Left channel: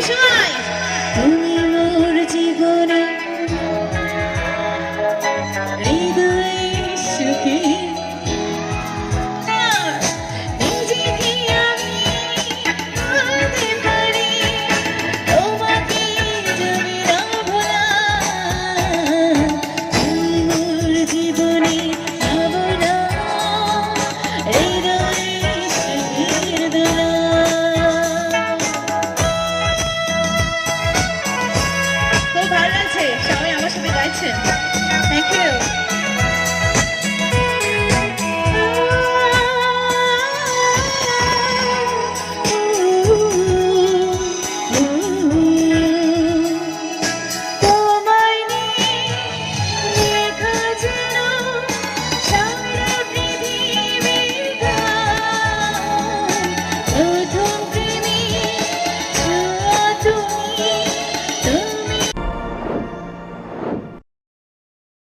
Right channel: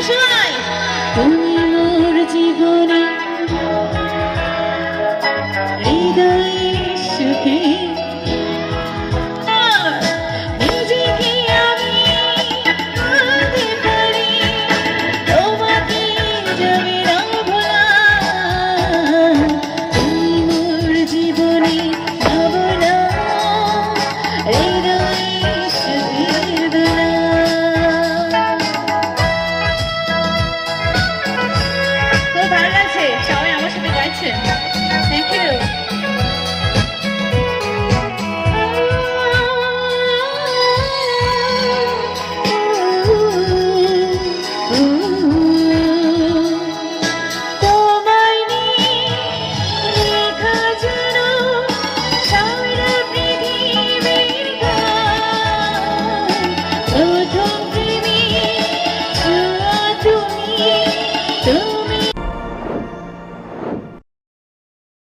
Congratulations!